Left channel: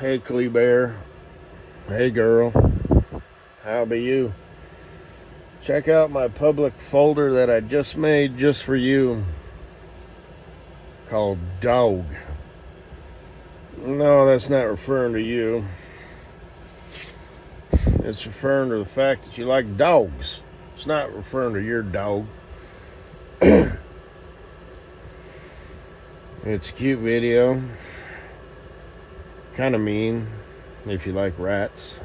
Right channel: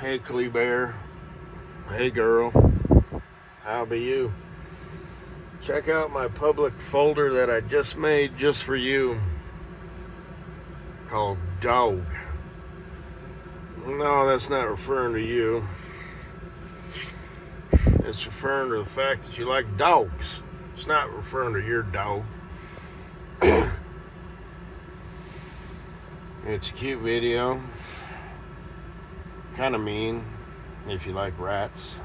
Hey, Clee Bear. Hey, girl. How be you? Check out my public folder that I just made just for you called Dog. No, that's not referring to you. It's referring to the fact that you like dogs. It's not referring to your dog. It's a cute video. Kind of mean if you like rats.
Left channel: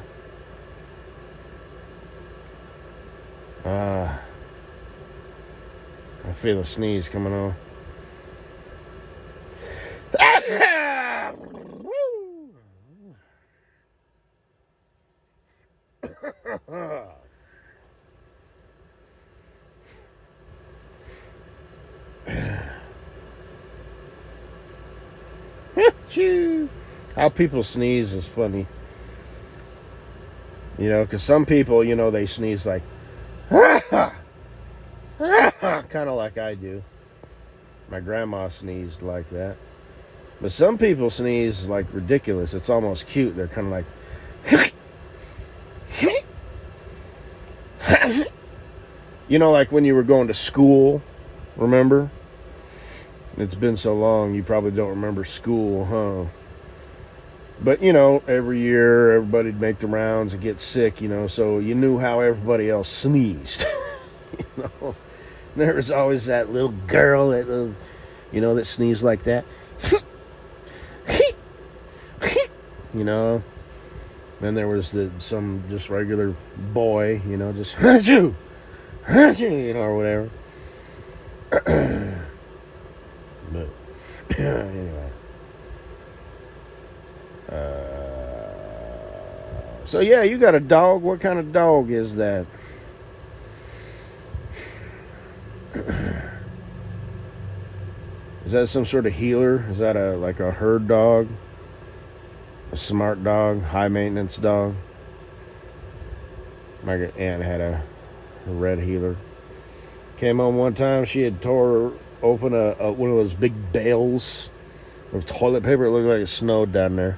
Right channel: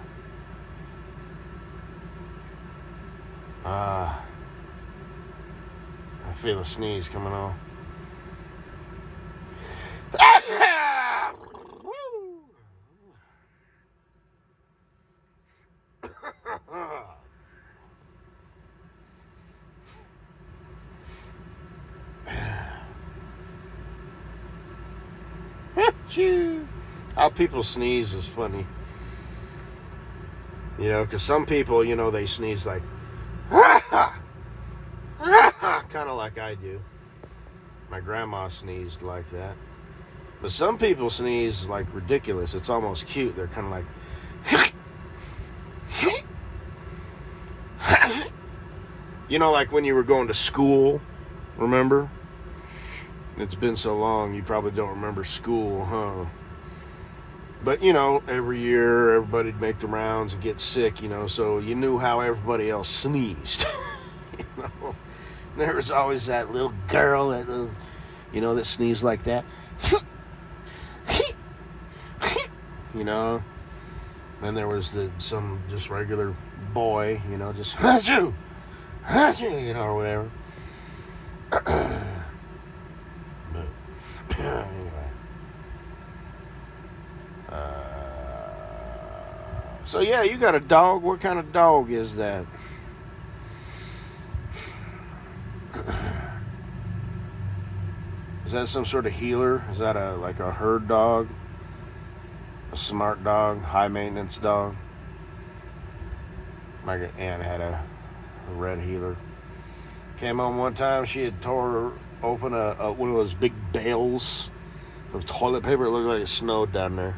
I feel a sneeze coming on. How people sneeze is funny. You know, because some people, they sneeze like, kind of like I do. My grandma sneezed like that. But some people sneeze like ridiculous. It's almost cute. They're kind of like, like when you were going to school, remember? It's been so long, you probably don't remember school, huh? But, every year everybody'd make the rounds and get sick, so you knew how everybody else sneezed. There was always that little girl that, that sneezed like that. Then there was some just regular boy, just achoo, or whatever. But anyway, so yeah, you got a dog. What kind of dog is that? Is that some sort of healer? Is that like a herd dog? A smart dog? High maintenance dog? My aunt had a red healer. Came home one time, she had tore open one of those big bales of toilet paper. It looked like it snowed down there.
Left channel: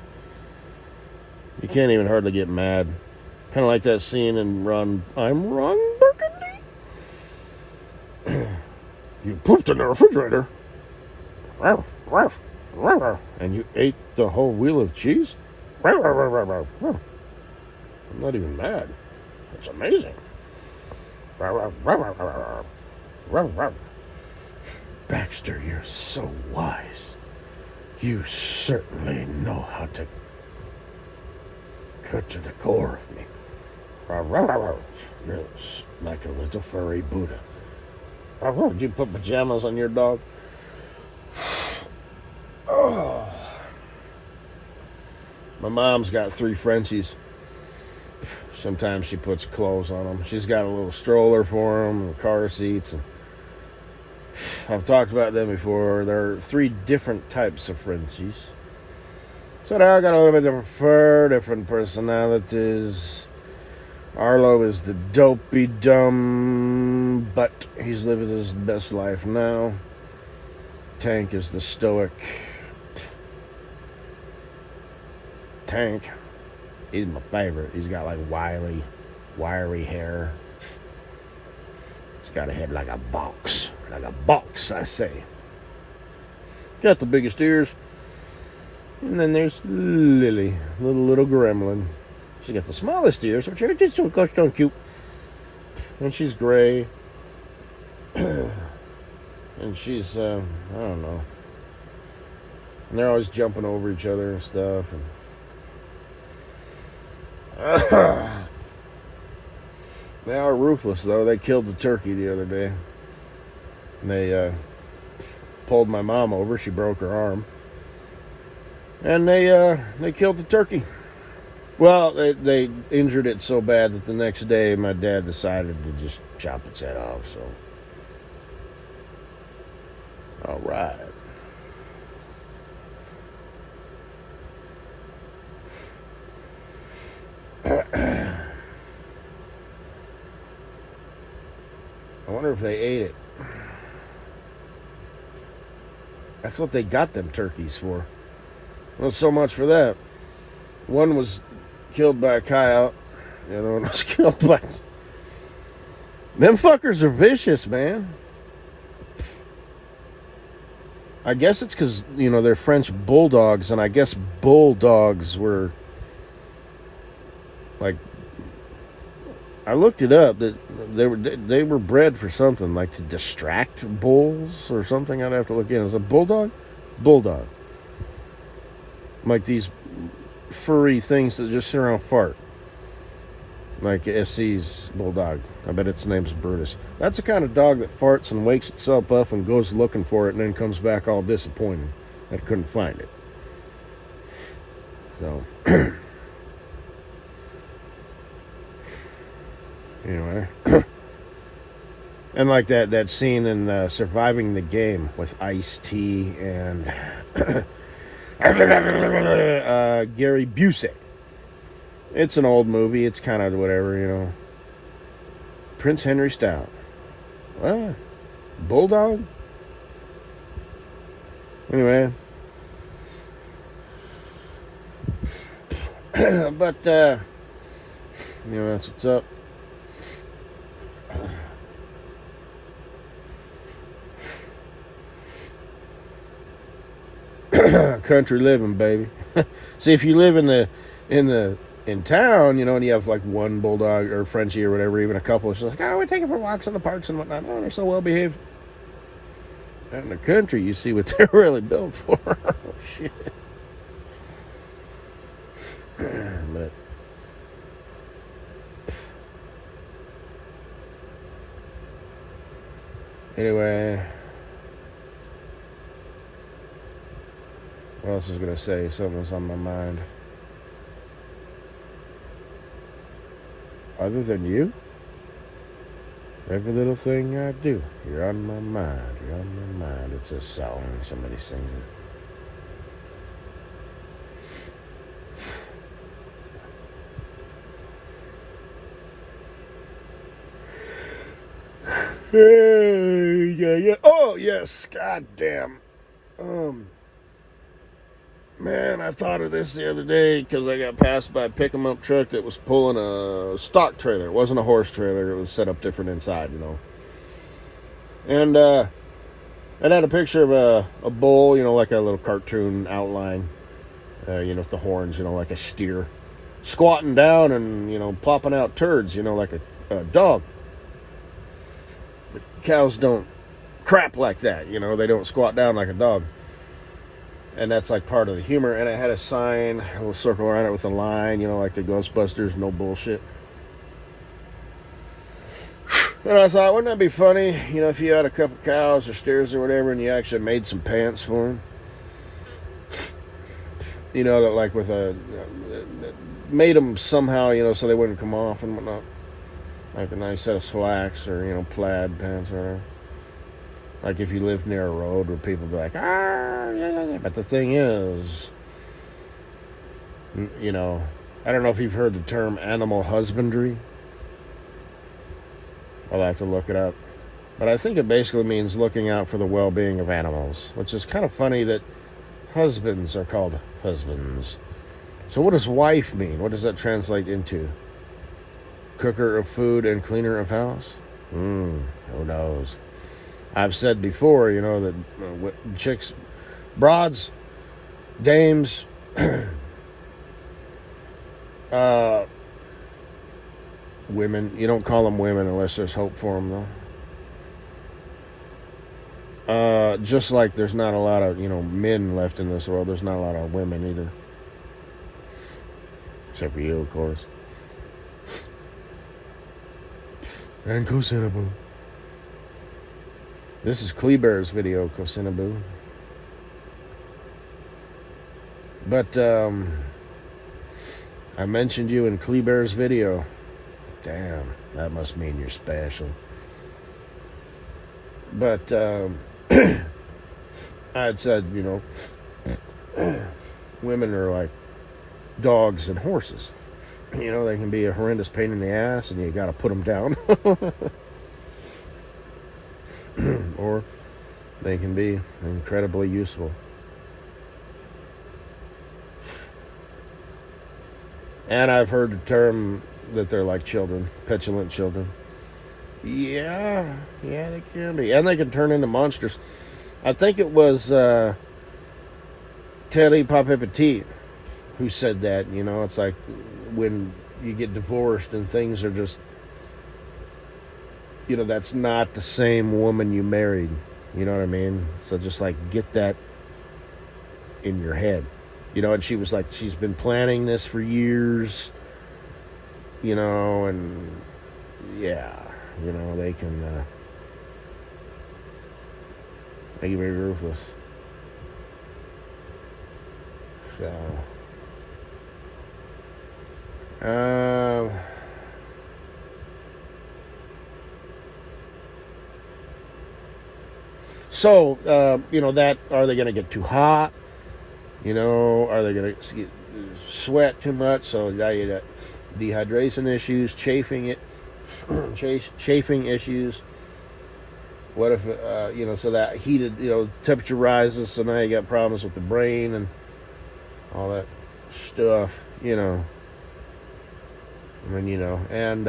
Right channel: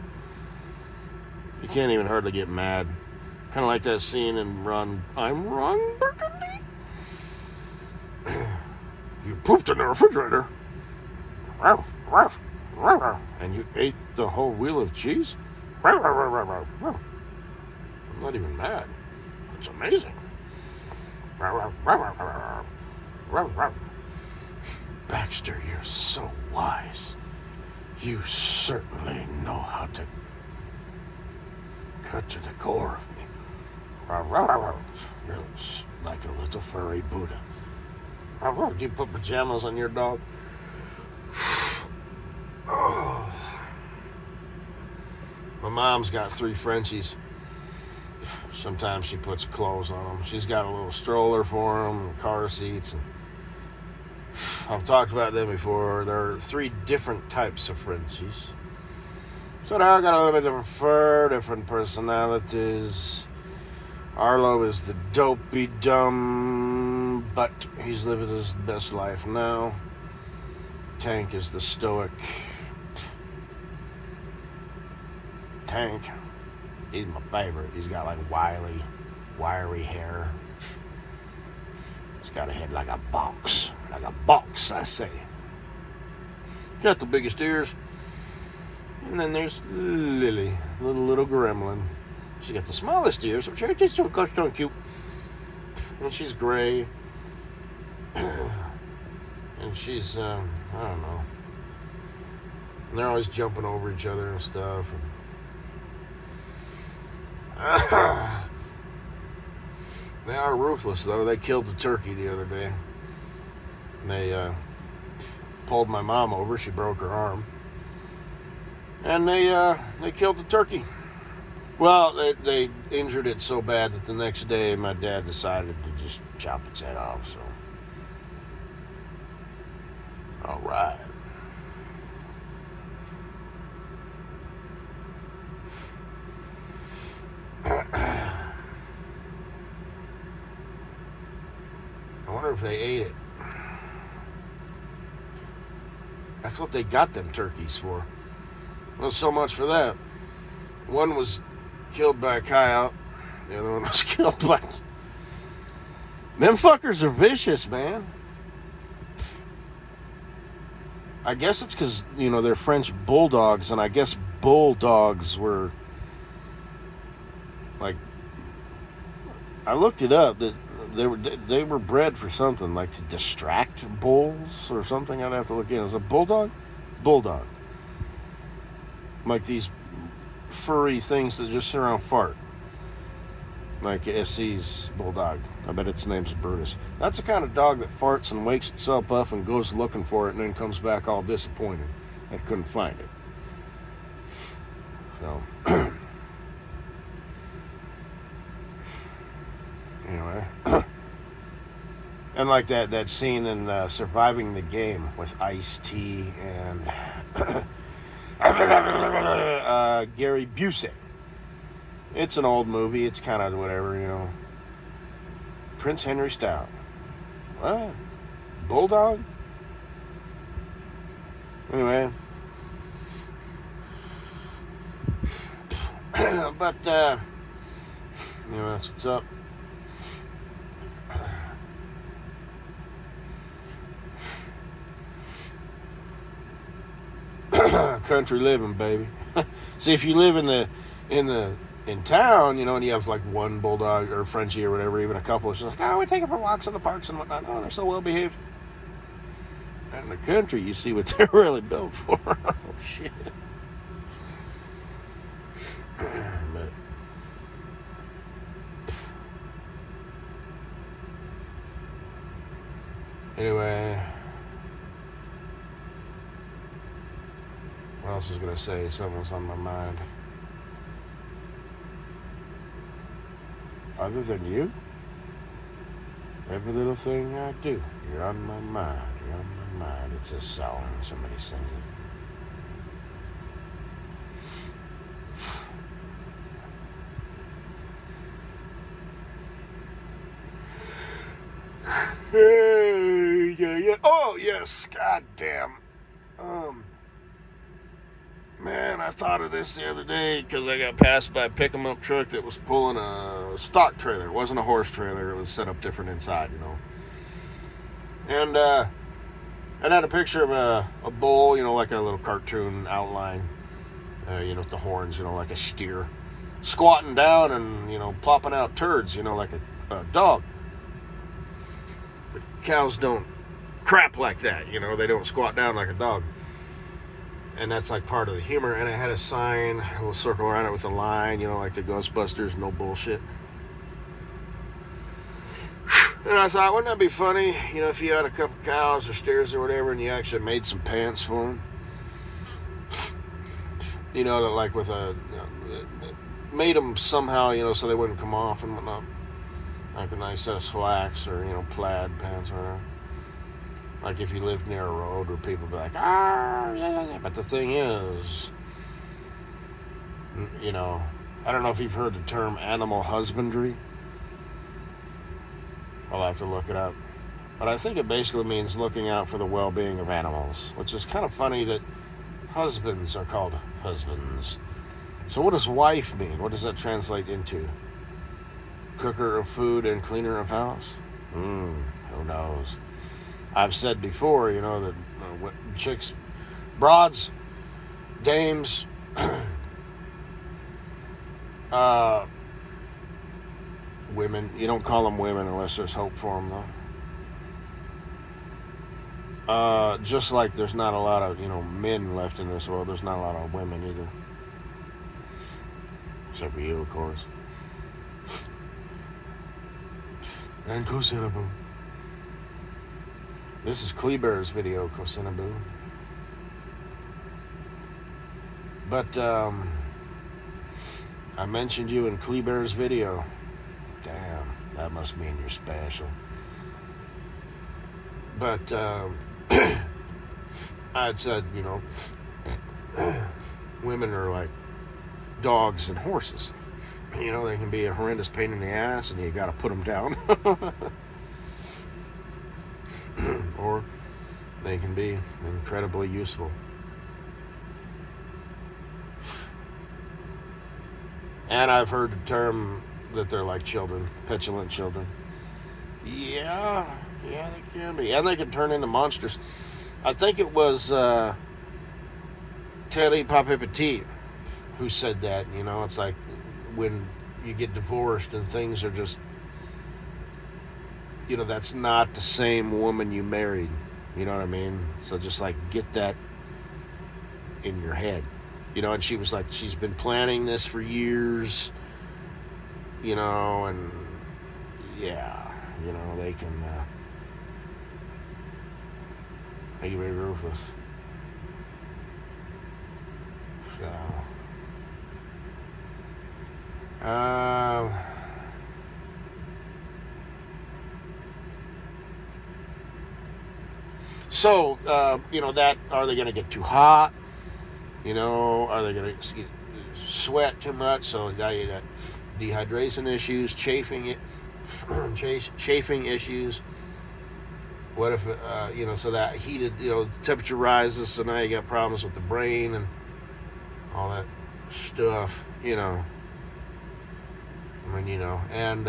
You can't even hardly get mad. Kind of like that scene in I'm Ron Burgundy. You pooped in the refrigerator. And you ate the whole wheel of cheese? I'm not even mad. It's amazing. Baxter, you're so wise. You certainly know how to cut to the core of me. You're like a little furry Buddha. Did you put pajamas on your dog? Oh. My mom's got 3 Frenchies. Sometimes she puts clothes on them. She's got a little stroller for them, and car seats. And I've talked about them before. There are 3 different types of Frenchies. So they all got a little bit different fur, different personalities. Arlo is the dopey dumb, but he's living his best life now. Tank is the stoic. Tank, he's my favorite. He's got like wiry hair. He's got a head like a box. Like a box, I say. Got the biggest ears. And then there's Lily, little gremlin. She got the smallest ears, which are just so gosh darn cute. And she's gray. And she's, I don't know. And they're always jumping over each other and stuff. They are ruthless, though. They killed the turkey the other day. And they pulled my mom over. She broke her arm. And they killed the turkey. Well, they injured it so bad that the next day my dad decided to just chop its head off. So, all right. I wonder if they ate it. That's what they got them turkeys for. Well, so much for that. One was killed by a coyote. The other one was killed by... Them fuckers are vicious, man. I guess it's because, they're French bulldogs, and I guess bulldogs were, like, I looked it up, that they were bred for something, like to distract bulls or something. I'd have to look in. Is it a bulldog? Bulldog. Like these furry things that just sit around fart. Like SC's bulldog. I bet its name's Brutus. That's the kind of dog that farts and wakes itself up and goes looking for it and then comes back all disappointed that couldn't find it. So, anyway. And like that scene in Surviving the Game with Ice-T and Gary Busey. It's an old movie. It's kind of whatever, Prince Henry style. Bulldog? Anyway. But, that's what's up. Country living, baby. See, if you live in town, and you have like one bulldog or Frenchie or whatever, even a couple, it's just like, we take them for walks in the parks and whatnot. Oh, they're so well behaved. Out in the country, you see what they're really built for. Oh, shit. But anyway, what else was gonna say? Something was on my mind. Other than you, every little thing I do, you're on my mind. You're on my mind. It's a song somebody sings. Yeah. Oh, yes. God damn. Man, I thought of this the other day because I got passed by a pick-em-up truck that was pulling a stock trailer. It wasn't a horse trailer. It was set up different inside, And it had a picture of a bull, like a little cartoon outline, with the horns, like a steer, squatting down and, plopping out turds, like a dog. But cows don't crap like that, they don't squat down like a dog. And that's like part of the humor. And I had a sign, a little circle around it with a line, like the Ghostbusters, no bullshit. And I thought, wouldn't that be funny, if you had a couple cows or steers or whatever and you actually made some pants for them? That like with made them somehow, so they wouldn't come off and whatnot. Like a nice set of slacks or, plaid pants or whatever. Like if you lived near a road where people would be like, yeah. But the thing is, I don't know if you've heard the term animal husbandry. I'll have to look it up. But I think it basically means looking out for the well-being of animals, which is kind of funny that husbands are called husbands. So what does wife mean? What does that translate into? Cooker of food and cleaner of house? Who knows? I've said before, that chicks, broads, dames, women, you don't call them women unless there's hope for them, though. Just like there's not a lot of, men left in this world, there's not a lot of women either. Except for you, of course. And Kosinaboo. This is Kleber's video, Kosinaboo. But, I mentioned you in Kleber's video. Damn, that must mean you're special. But, I had said, women are like dogs and horses. They can be a horrendous pain in the ass and you gotta put them down. Or they can be incredibly useful. And I've heard the term that they're like children, petulant children. Yeah, yeah, they can be. And they can turn into monsters. I think it was Teddy Papipetit who said that. You know, it's like when you get divorced and things are just, you know, that's not the same woman you married. You know what I mean? So just like get that in your head. You know, and she was like, she's been planning this for years, you know, and yeah, you know, they can be very ruthless. So, you know, that, are they going to get too hot? You know, are they going to sweat too much? So now you got dehydration issues, chafing issues. What if, you know, so that heated, you know, temperature rises, so now you got problems with the brain and all that stuff, you know. I mean, you know, and,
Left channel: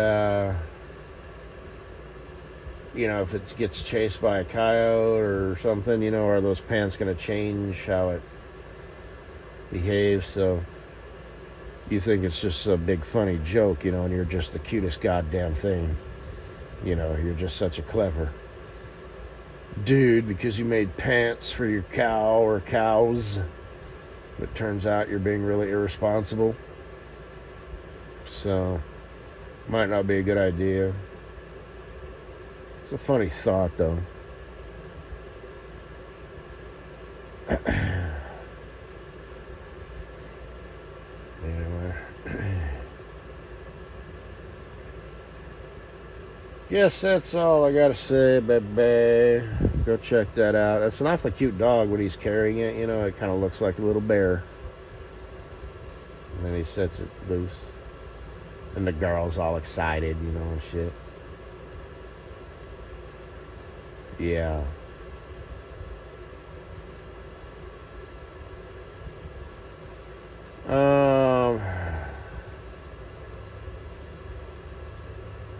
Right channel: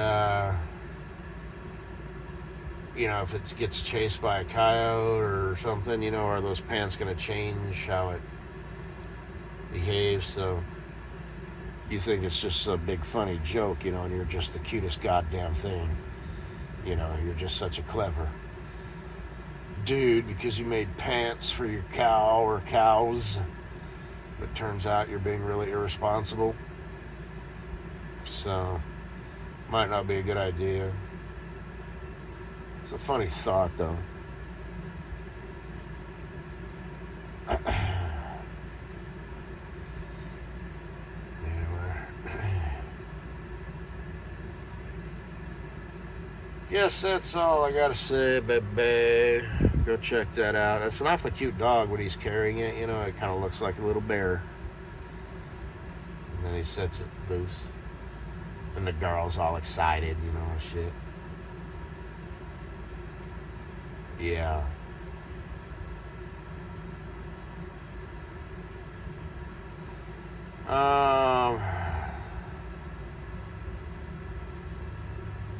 you know, if it gets chased by a coyote or something, you know, are those pants going to change how it behaves? So you think it's just a big funny joke, you know, and you're just the cutest goddamn thing. You know, you're just such a clever dude because you made pants for your cow or cows. But turns out you're being really irresponsible. So, might not be a good idea. It's a funny thought, though. Guess that's all I gotta say, baby. Go check that out. That's an awfully cute dog when he's carrying it. You know, it kind of looks like a little bear. And then he sets it loose. And the girl's all excited, you know, and shit. Yeah.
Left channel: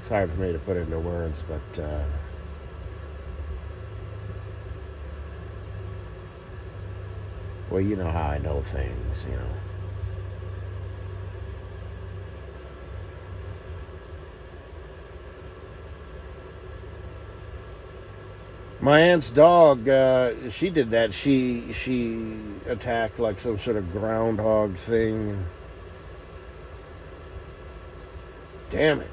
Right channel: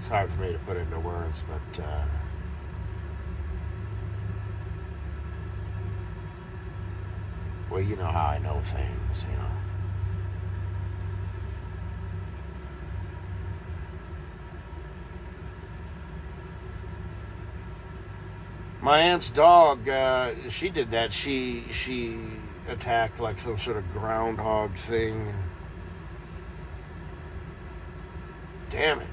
It's hard for me to put into words, but well, you know how I know things, you know. My aunt's dog, she did that. She attacked like some sort of groundhog thing. Damn it.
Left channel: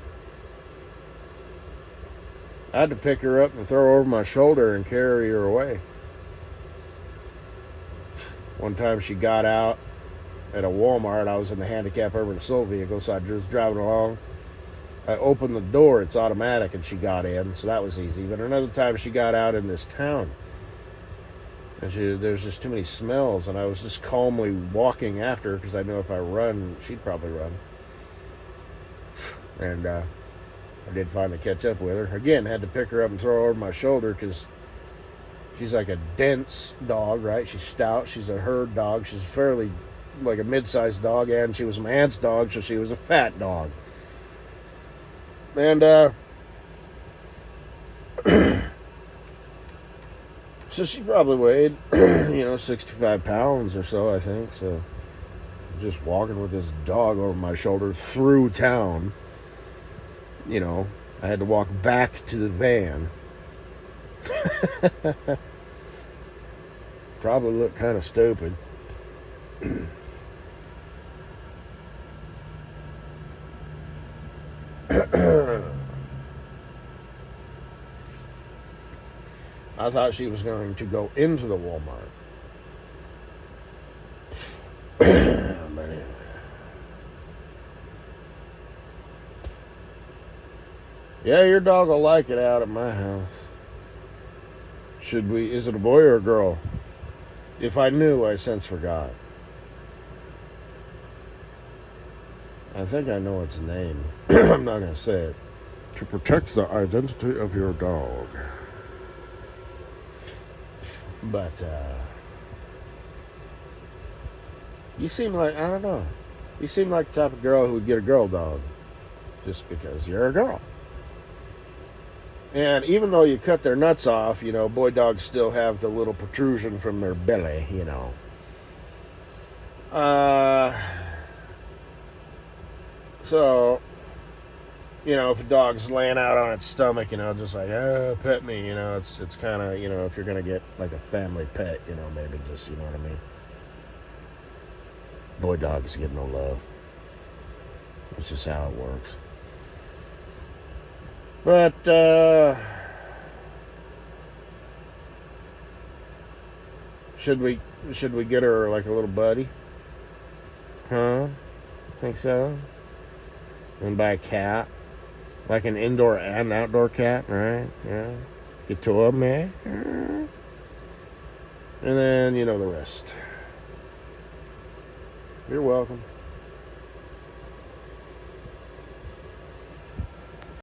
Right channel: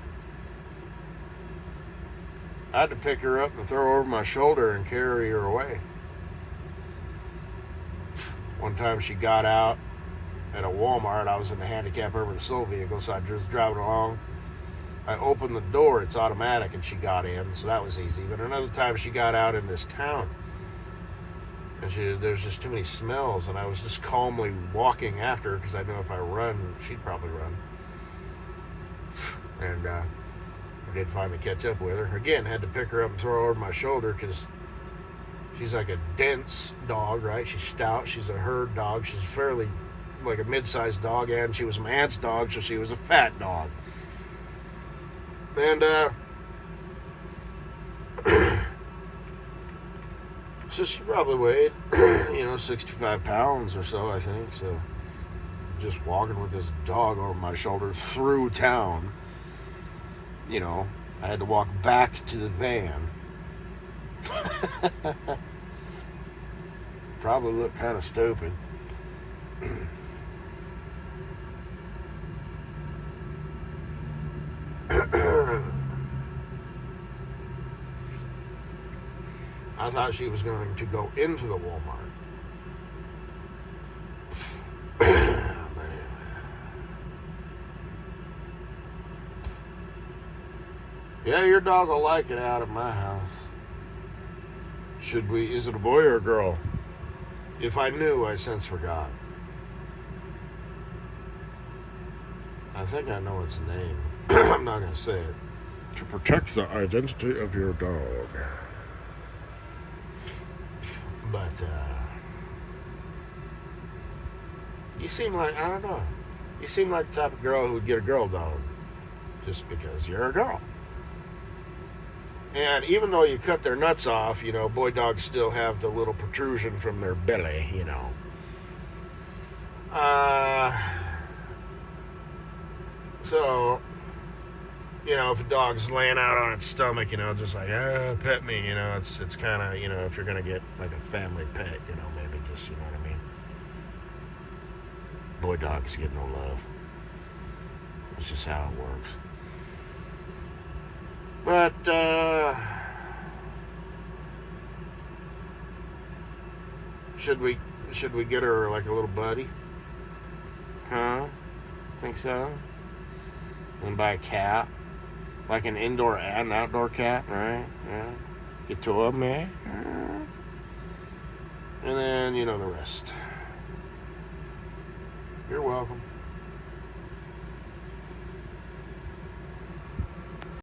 I had to pick her up and throw her over my shoulder and carry her away. One time she got out at a Walmart. I was in the handicap urban assault vehicle, so I was driving along. I opened the door, it's automatic, and she got in, so that was easy. But another time she got out in this town, and there's just too many smells, and I was just calmly walking after her because I know if I run, she'd probably run. And I did finally catch up with her. Again, had to pick her up and throw her over my shoulder because she's like a dense dog, right? She's stout, she's a herd dog, she's fairly like a mid-sized dog, and she was my aunt's dog, so she was a fat dog. And so she probably weighed, 65 pounds or so, I think. So just walking with this dog over my shoulder through town, I had to walk back to the van. Probably looked kind of stupid. I thought she was going to go into the Walmart. Yeah, your dog will like it out at my house. Is it a boy or a girl? If I knew, I since forgot. I think I know its name. I'm not going to say it. To protect the identity of your dog. But, you seem like, I don't know. You seem like the type of girl who would get a girl dog just because you're a girl. And even though you cut their nuts off, you know, boy dogs still have the little protrusion from their belly, you know. So, you know, if a dog's laying out on its stomach, you know, just like, pet me, you know, it's kind of, you know, if you're going to get like a family pet, you know, maybe just, you know what I mean. Boy dogs get no love. That's just how it works. But, should we get her like a little buddy? Huh? Think so? And buy a cat? Like an indoor and outdoor cat, right? Yeah. Get to them, eh? And then, you know the rest. You're welcome.